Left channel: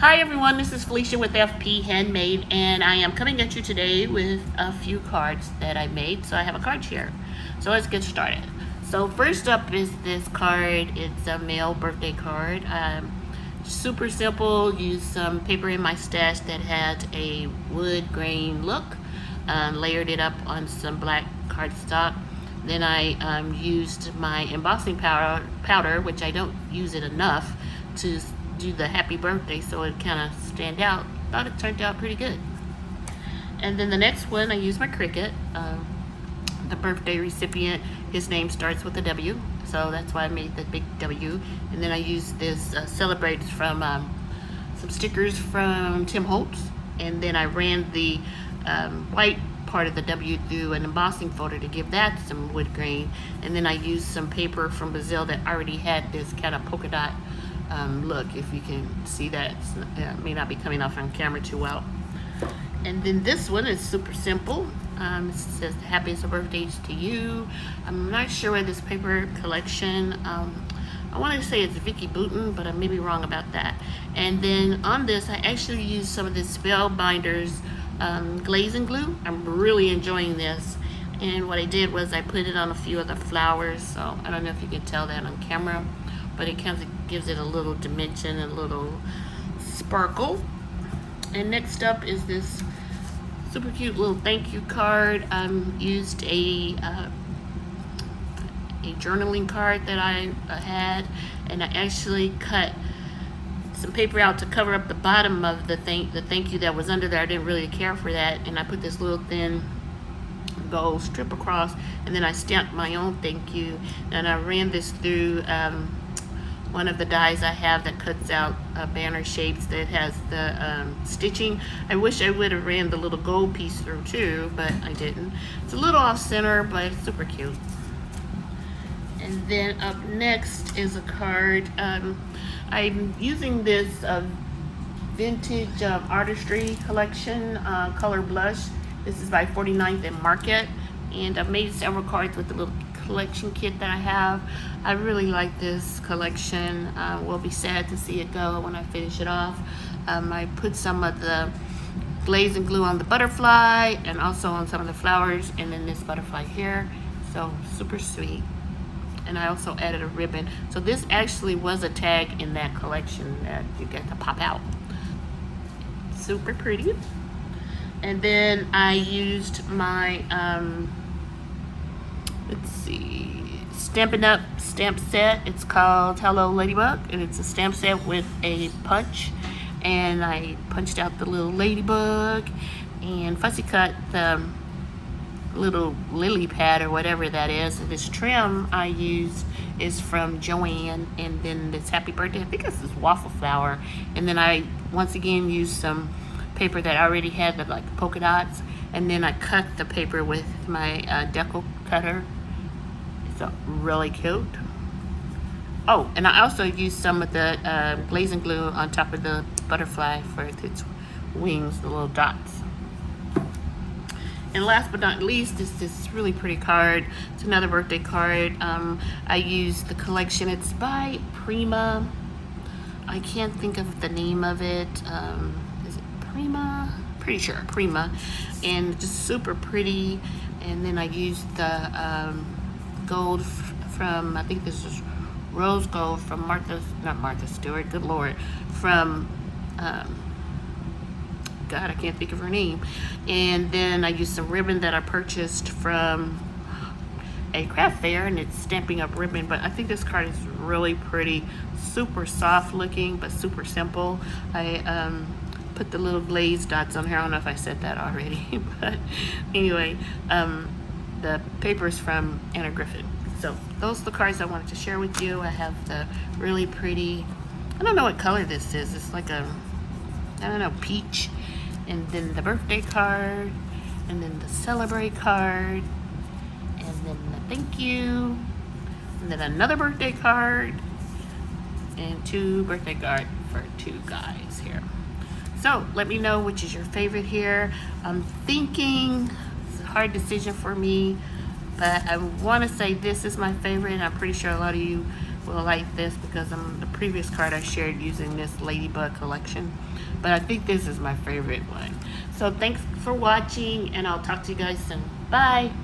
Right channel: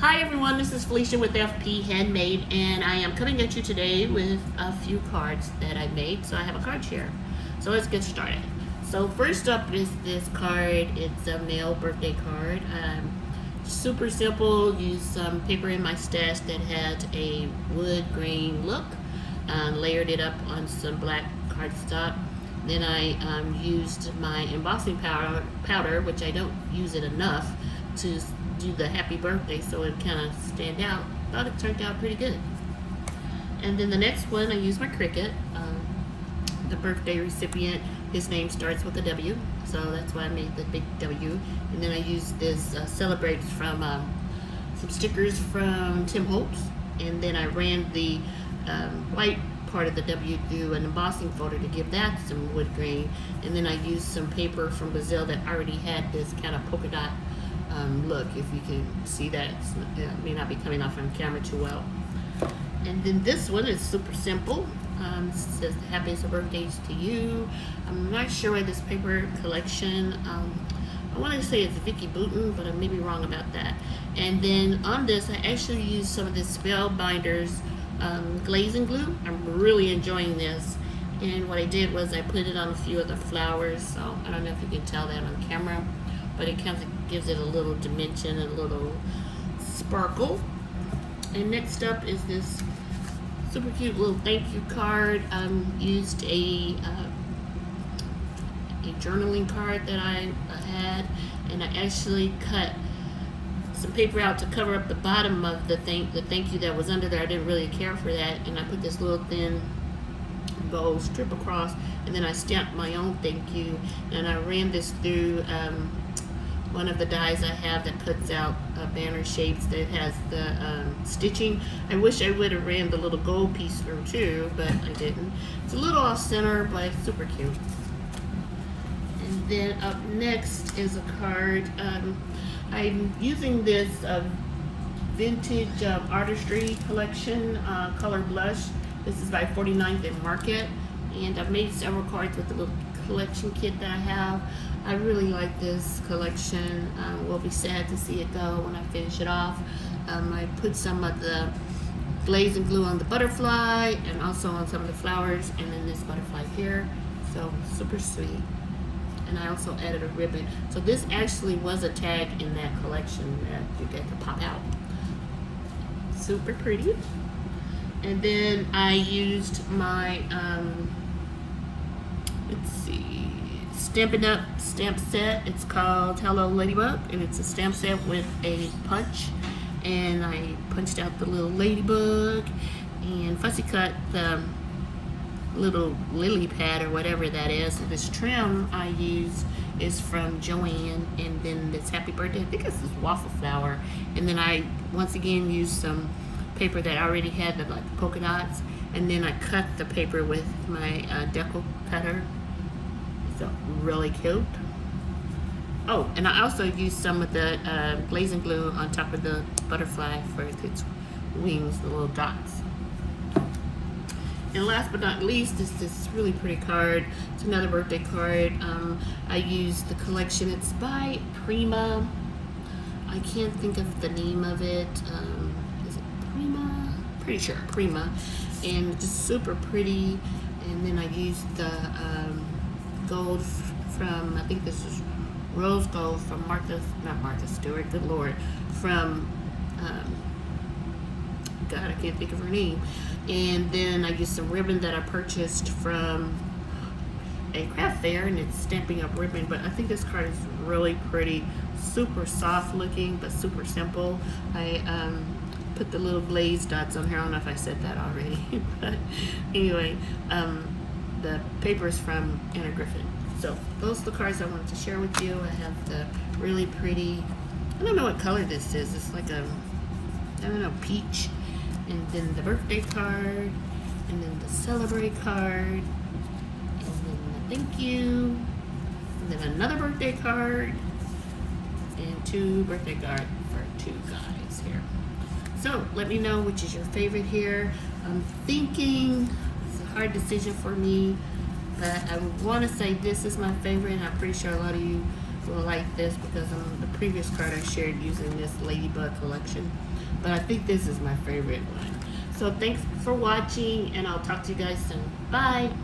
Hi everyone, this is Felicia with FP Handmade, and I am coming at you today with a few cards that I made. So I have a card here. So let's get started. So first up is this card. It's a male birthday card. Super simple. Used some paper in my stash that had a wood grain look. Layered it up on some black cardstock. Then I used my embossing powder, which I don't use it enough, to do the happy birthday so it kind of stand out. Thought it turned out pretty good. And then the next one, I used my Cricut. The birthday recipient, his name starts with a W, so that's why I made the big W. And then I used this Celebrate from some stickers from Tim Holtz, and then I ran the white part of the W through an embossing folder to give that some wood grain. And then I used some paper from Brazil that already had this kind of polka dot look, if you can see that. It may not be coming off on camera too well. And then this one is super simple. It says happiest birthdays to you. I'm not sure where this paper collection, I want to say it's Vicky Bouton, but I may be wrong about that. And then on this, I actually used some of this Spellbinders glazing glue. I'm really enjoying this. And what I did was I put it on a few of the flowers, so I don't know if you can tell that on camera, but it kind of gives it a little dimension and a little sparkle. And next up is this super cute little thank you card. I used a journaling card that I had, and I actually cut some paper out to cover up the bottom of the thank you that was under there. I didn't really care for that, and I put this little thin gold strip across, and then I stamped my own thank you, and I ran this through one of the dies I have that cuts out banner shapes that has the stitching. I wish I would have ran the little gold piece through too, but I didn't. It's a little off center, but it's super cute. And then up next is a card. I'm using this vintage artistry collection color blush. This is by 49th and Market, and I've made several cards with the little collection kit that I have. I really like this collection. Will be sad to see it go when I finish it off. I put some of the glazing glue on the butterfly and also on some of the flowers, and then this butterfly here. So super sweet. And I also added a ribbon. So this actually was a tag in that collection that you get to pop out. Super pretty. And then I used my, let's see, Stampin' Up! Stamp set. It's called Hello Ladybug, and it's a stamp set with a punch. And I punched out the little ladybug and fussy cut the little lily pad or whatever that is. And this trim I used is from Joann, and then this happy birthday, I think this is waffle flower. And then I once again used some paper that I already had, the like polka dots, and then I cut the paper with my decal cutter. So really cute. Oh, and I also used some of the glazing glue on top of the butterfly for its wings, the little dots. And last but not least is this really pretty card. It's another birthday card. I used the collection. It's by Prima. I can't think of the name of it. Is it Prima? Pretty sure, Prima. And just super pretty. And then I used the gold from, I think this is rose gold from not Martha Stewart, good Lord, from, God, I can't think of her name. And then I used some ribbon that I purchased from a craft fair, and it's Stampin' Up! Ribbon. But I think this card is really pretty, super soft looking, but super simple. I put the little glazed dots on here. I don't know if I said that already, but anyway, the paper's from Anna Griffith. So those are the cards I wanted to share with you. I have the really pretty, I don't know what color this is. It's like a, I don't know, peach. And then the birthday card, and then the celebrate card, and then the thank you, and then another birthday card, and two birthday cards for two guys here. So let me know which is your favorite here. I'm thinking, it's a hard decision for me, but I want to say this is my favorite, and I'm pretty sure a lot of you will like this because the previous card I shared using this Ladybug collection. But I think this is my favorite one. So thanks for watching, and I'll talk to you guys soon. Bye!